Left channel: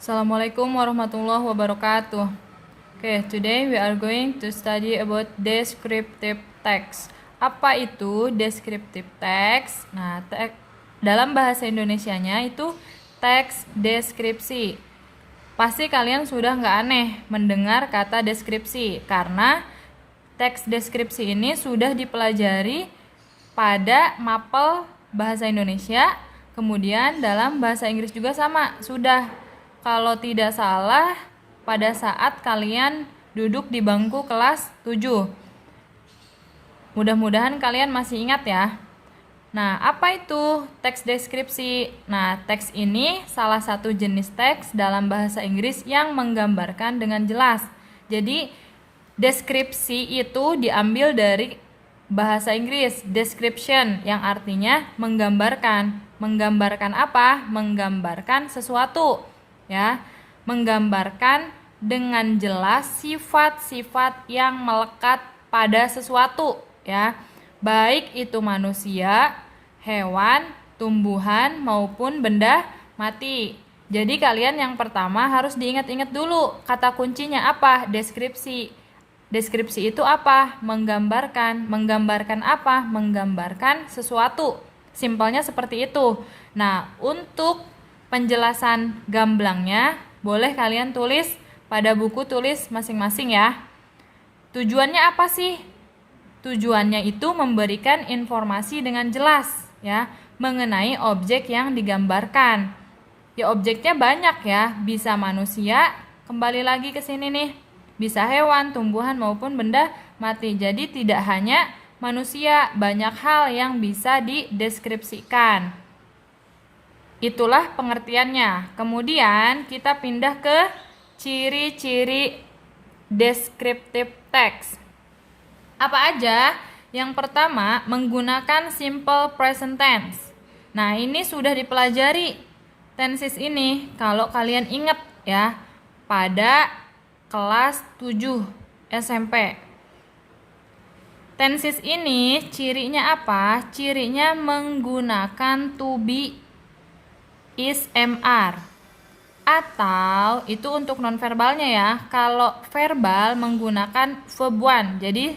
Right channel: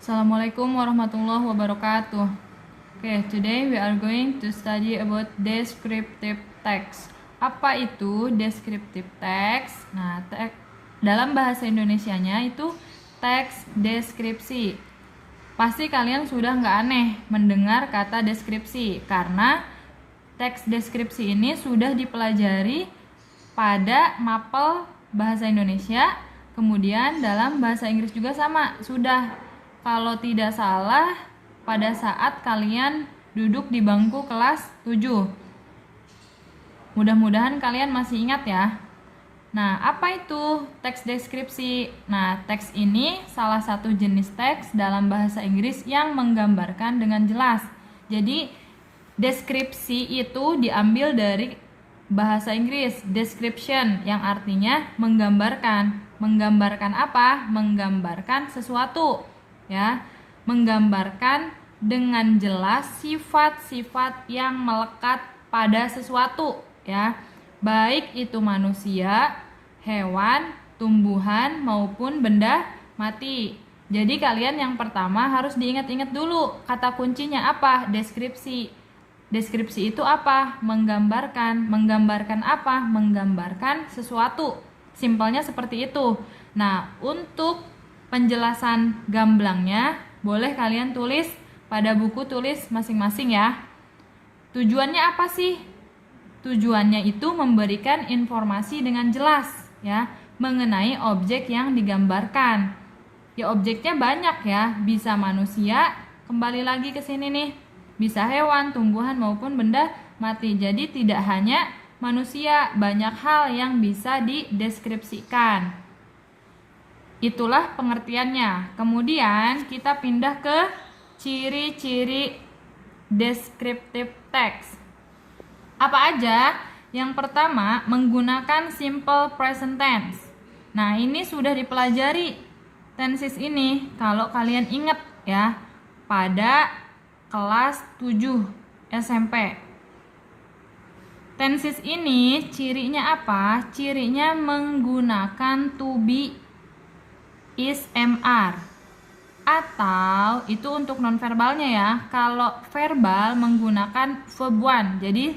Assalamualaikum warahmatullahi wabarakatuh. Okay, today we are going to study about descriptive text. Apa itu descriptive text? Nah, dalam bahasa Indonesianya itu teks deskripsi. Pasti kalian sudah nggak aneh mendengar kata deskripsi, karena teks deskripsi ini sudah dipelajari pada mapel bahasa Indonesia, kemudian dalam bahasa Inggris juga sama, sudah. Kalau tidak salah, pada saat kalian duduk di bangku kelas 7. Mudah-mudahan kalian masih ingat ya. Nah, apa itu teks deskripsi? Nah, teks ini salah satu jenis teks dalam bahasa Inggris yang menggambarkan dengan jelas. Jadi, deskripsi itu diambil dari bahasa Inggris, description, yang artinya menggambarkan. Menggambarkan apa? Menggambarkan sesuatu, ya. Menggambarkan dengan jelas sifat-sifat yang melekat pada sesuatu, ya. Baik itu manusia, hewan, tumbuhan maupun benda mati. Jadi kalian yang pertama harus diingat-ingat dulu kata kuncinya apa? Deskripsi. Deskripsi itu apa? Menggambarkan. Menggambarkan apa? Menggambarkan sesuatu. Simpelnya seperti itu. Nah, untuk penjelasan gamblangnya boleh kalian tulis pada buku tulis masing-masing ya. Tujuannya apa sih? Tujuannya itu memberikan informasi dengan jelas ya mengenai objek yang digambarkan. Ya, objeknya banyak ya, bisa manusia, kembali lagi ke sini nih. Bisa hewan, tumbuhan maupun benda mati. Jadi tidak hanya manusia, banyak hal yang bisa dideskripsikan. Itulah pengertiannya. Kemudian kita pindah ke ciri-ciri descriptive text. Apa aja? Yang pertama, menggunakan simple present tense. Nah, ini sudah dipelajari tenses ini kalau kalian ingat ya pada kelas 7 SMP. Tenses ini cirinya apa? Cirinya menggunakan to be, is, am, are. Atau itu untuk nonverbalnya ya. Kalau verbal menggunakan verb one. Jadi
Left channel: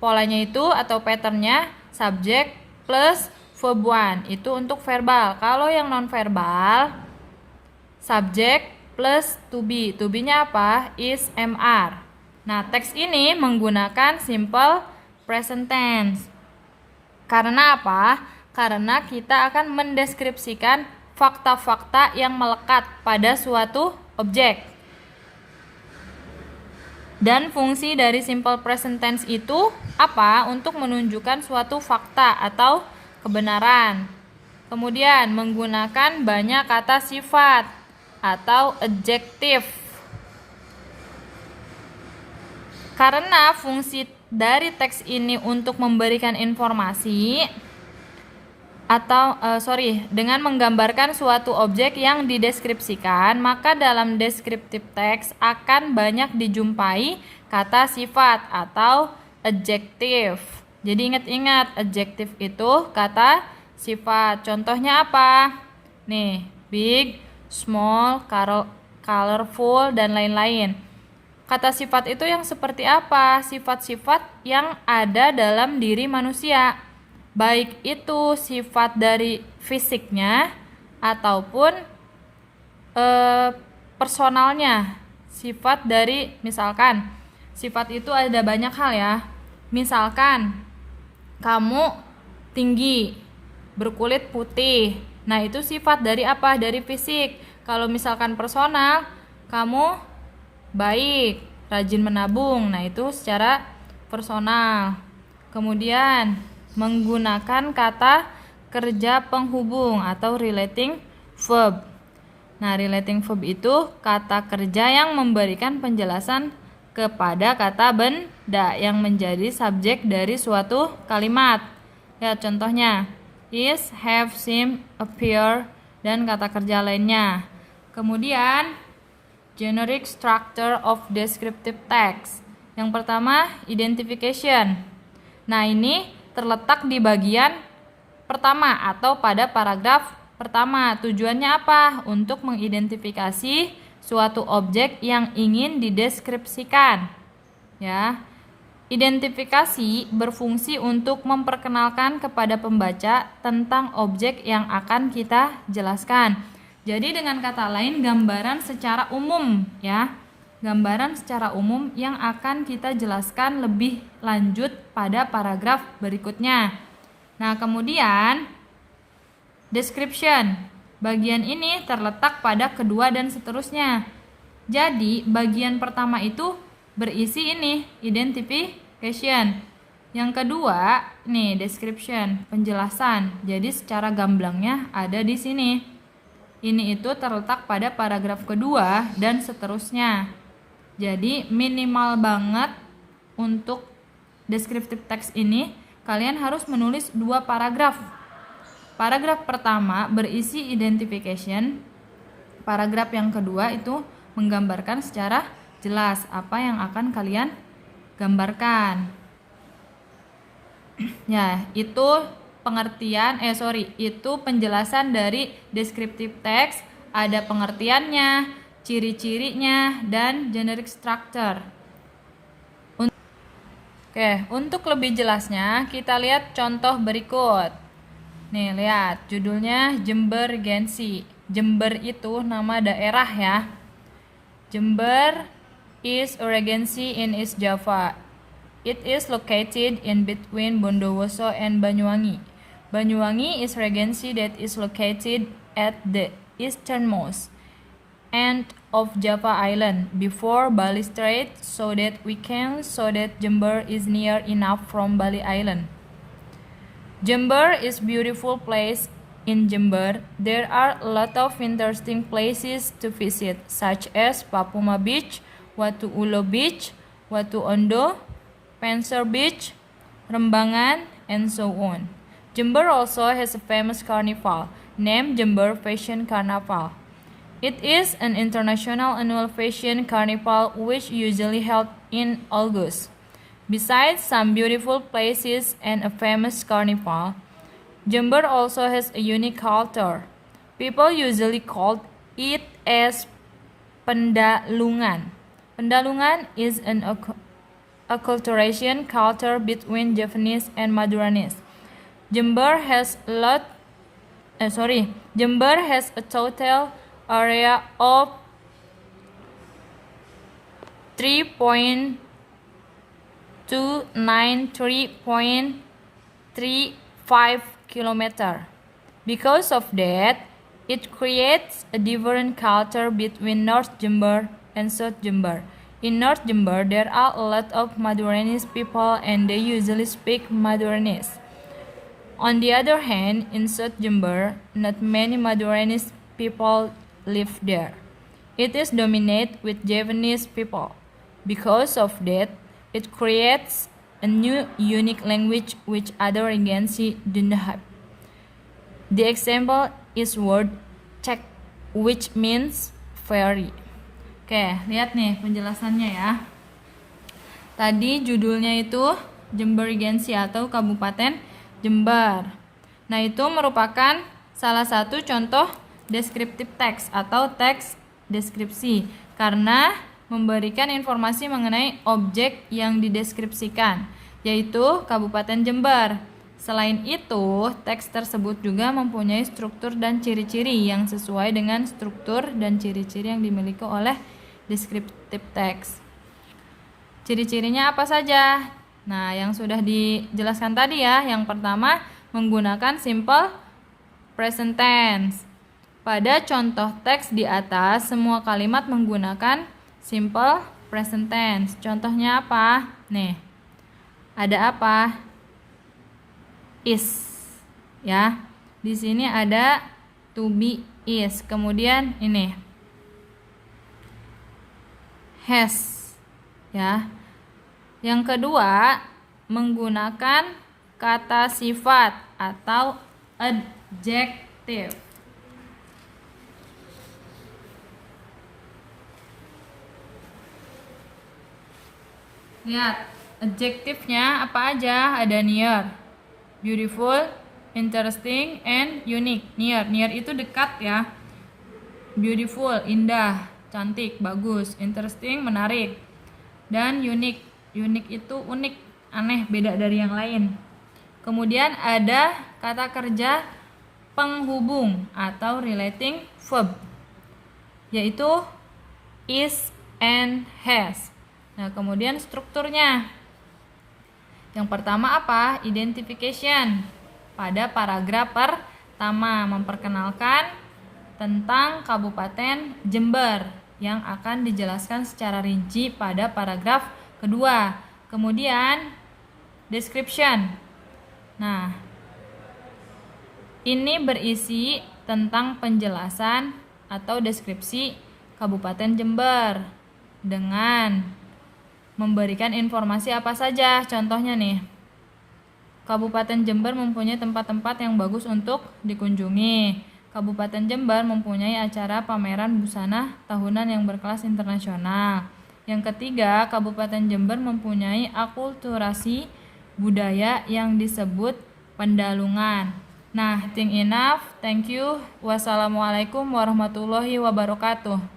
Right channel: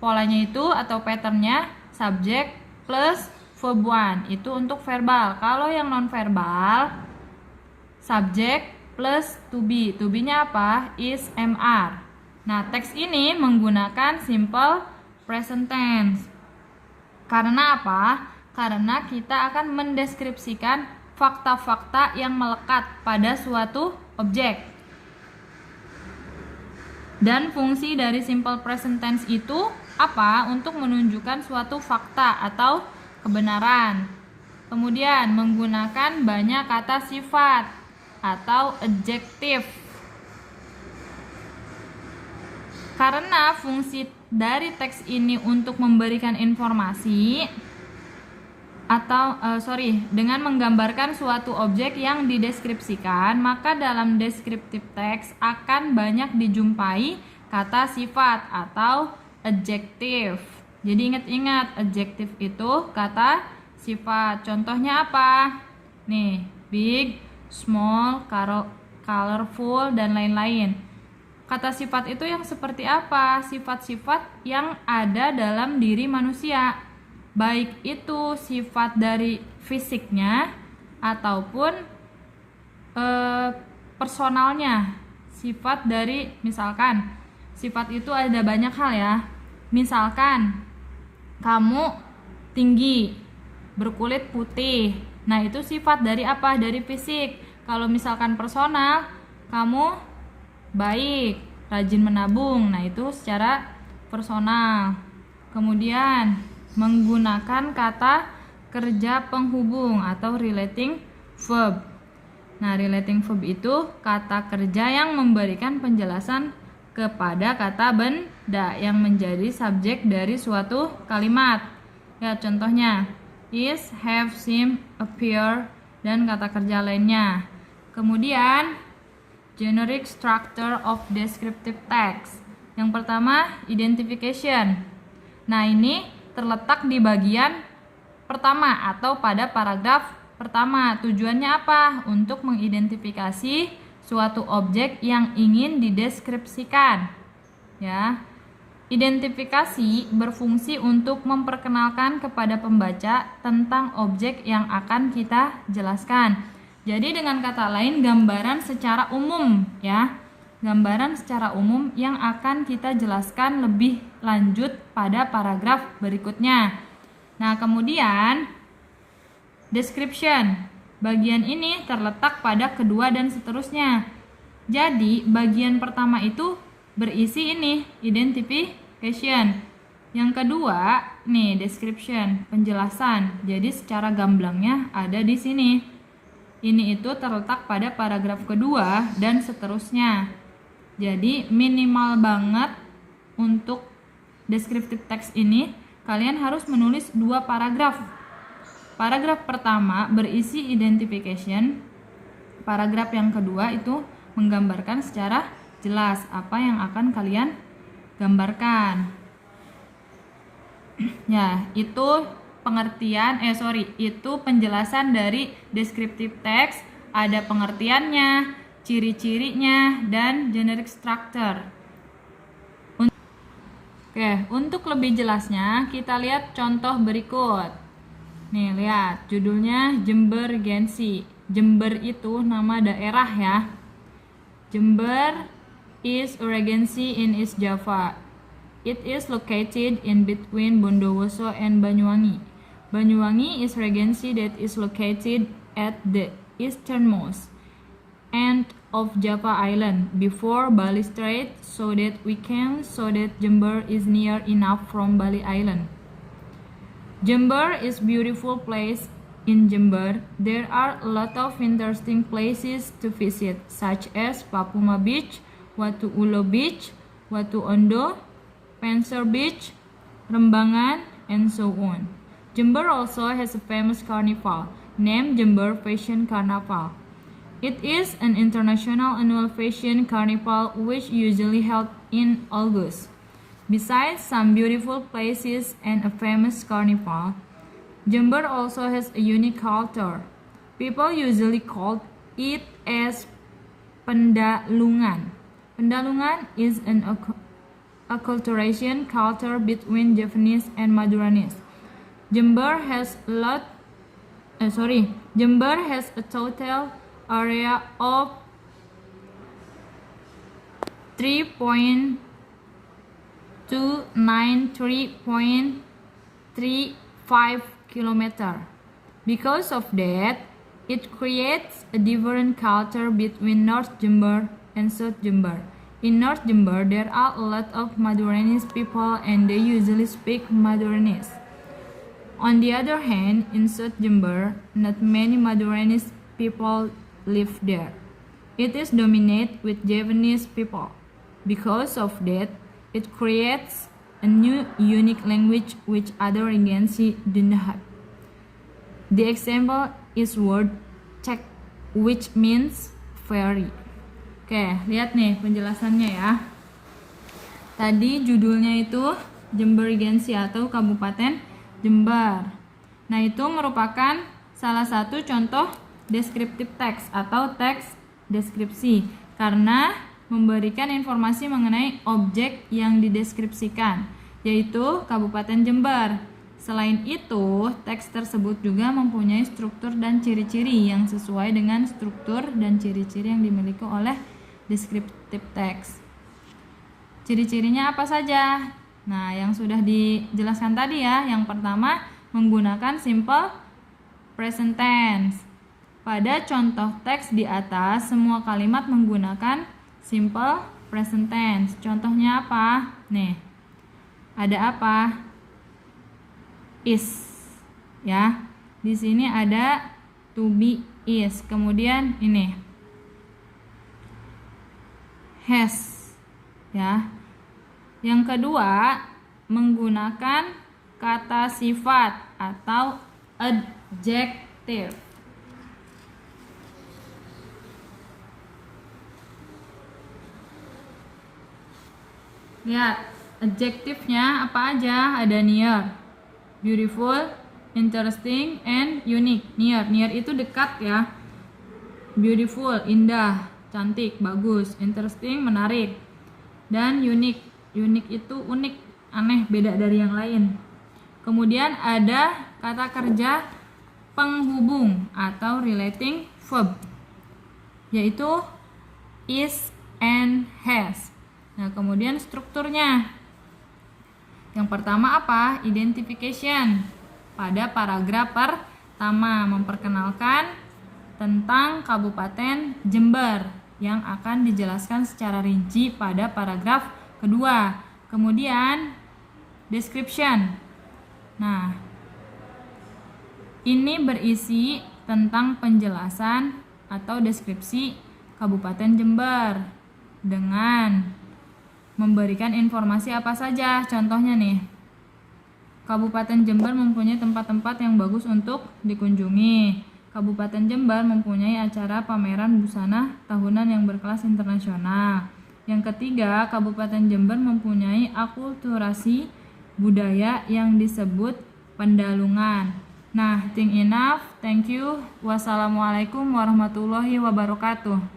polanya itu atau patternnya subject plus verb one. Itu untuk verbal. Kalau yang nonverbal subject plus to be. To be-nya apa? Is, am, are. Nah, teks ini menggunakan simple present tense. Karena apa? Karena kita akan mendeskripsikan fakta-fakta yang melekat pada suatu objek. Dan fungsi dari simple present tense itu apa? Untuk menunjukkan suatu fakta atau kebenaran. Kemudian menggunakan banyak kata sifat atau adjektif. Karena fungsi dari teks ini untuk memberikan informasi dengan menggambarkan suatu objek yang dideskripsikan, maka dalam descriptive text akan banyak dijumpai kata sifat atau adjektif. Jadi ingat-ingat, adjektif itu kata sifat. Contohnya apa? Nih, big, small, colorful, dan lain-lain. Kata sifat itu yang seperti apa? Sifat-sifat yang ada dalam diri manusia. Baik itu sifat dari fisiknya ataupun personalnya. Sifat dari, misalkan, sifat itu ada banyak hal ya. Misalkan kamu tinggi, berkulit putih. Nah, itu sifat dari apa? Dari fisik. Kalau misalkan personal, kamu baik, rajin menabung. Nah, itu secara personal. Kemudian menggunakan kata kerja penghubung atau relating verb. Nah, relating verb itu kata kerja yang memberikan penjelasan kepada kata benda yang menjadi subjek dari suatu kalimat. Ya, contohnya is, have, seem, appear, dan kata kerja lainnya. Kemudian generic structure of descriptive text. Yang pertama, identification. Nah, ini terletak di bagian pertama atau pada paragraf pertama. Tujuannya apa? Untuk mengidentifikasi suatu objek yang ingin dideskripsikan. Ya. Identifikasi berfungsi untuk memperkenalkan kepada pembaca tentang objek yang akan kita jelaskan. Jadi dengan kata lain, gambaran secara umum, ya. Gambaran secara umum yang akan kita jelaskan lebih lanjut pada paragraf berikutnya. Nah, kemudian description. Bagian ini terletak pada kedua dan seterusnya. Jadi, bagian pertama itu berisi ini, identification. Yang kedua, nih description, penjelasan. Jadi secara gamblangnya ada di sini. Ini itu terletak pada paragraf kedua dan seterusnya. Jadi minimal banget untuk descriptive text ini kalian harus menulis 2 paragraf. Paragraf pertama berisi identification. Paragraf yang kedua itu menggambarkan secara jelas apa yang akan kalian gambarkan. Ya, itu itu penjelasan dari descriptive text, ada pengertiannya, ciri-cirinya, dan generic structure. Untuk lebih jelasnya kita lihat contoh berikut. Nih, lihat judulnya Jembergensi. Jember itu nama daerah ya. Jember is a regency in East Java. It is located in between Bondowoso and Banyuwangi. Banyuwangi is regency that is located at the easternmost end of Java Island before Bali Strait, so that Jember is near enough from Bali Island. Jember is beautiful place. In Jember, there are a lot of interesting places to visit, such as Papuma Beach, Watu Ulo Beach, Watu Ondo, Pensor Beach, Rembangan, and so on. Jember also has a famous carnival named Jember Fashion Carnival. It is an international annual fashion carnival which usually held in August. Besides some beautiful places and a famous carnival, Jember also has a unique culture. People usually call it as Pendalungan. Pendalungan is an acculturation culture between Javanese and Maduranese. Jember has a total area of 3.293.35 km. Because of that, it creates a different culture between North Jember and South Jember. In North Jember, there are a lot of Maduranese people and they usually speak Maduranese. On the other hand, in South Jember, not many Maduranese people live there. It is dominated with Javanese people. Because of that, it creates a new unique language which other regency do not have. The example is word cek, which means fairy. Oke, lihat nih penjelasannya ya. Tadi judulnya itu Jembergensi atau Kabupaten Jember. Nah, itu merupakan salah satu contoh descriptive text atau teks deskripsi karena memberikan informasi mengenai objek yang dideskripsikan, yaitu Kabupaten Jember. Selain itu, teks tersebut juga mempunyai struktur dan ciri-ciri yang sesuai dengan struktur dan ciri-ciri yang dimiliki oleh descriptive text. Ciri-cirinya apa saja? Nah, yang sudah dijelaskan tadi ya. Yang pertama, menggunakan simple present tense. Pada contoh teks di atas, semua kalimat menggunakan simple present tense. Contohnya apa? Nih, ada apa? Is, ya. Di sini ada to be is. Kemudian ini has, ya. Yang kedua, menggunakan kata sifat atau adjective. Lihat, adjektifnya apa aja? Ada near, beautiful, interesting, and unique. Near itu dekat ya. Beautiful, indah. cantik, bagus. Interesting, menarik. Dan unique. Unique itu unik, aneh, beda dari yang lain. Kemudian ada kata kerja penghubung atau relating verb, yaitu is and has. Nah, kemudian strukturnya. Yang pertama apa? Identification. Pada paragraf pertama memperkenalkan tentang Kabupaten Jember yang akan dijelaskan secara rinci pada paragraf kedua. Kemudian description. Nah, ini berisi tentang penjelasan atau deskripsi Kabupaten Jember dengan memberikan informasi apa saja. Contohnya nih, Kabupaten Jember mempunyai tempat-tempat yang bagus untuk dikunjungi. Kabupaten Jember mempunyai acara pameran busana tahunan yang berkelas internasional. Yang ketiga, Kabupaten Jember mempunyai akulturasi budaya yang disebut pendalungan. Nah, think enough. Thank you. Wassalamualaikum warahmatullahi wabarakatuh.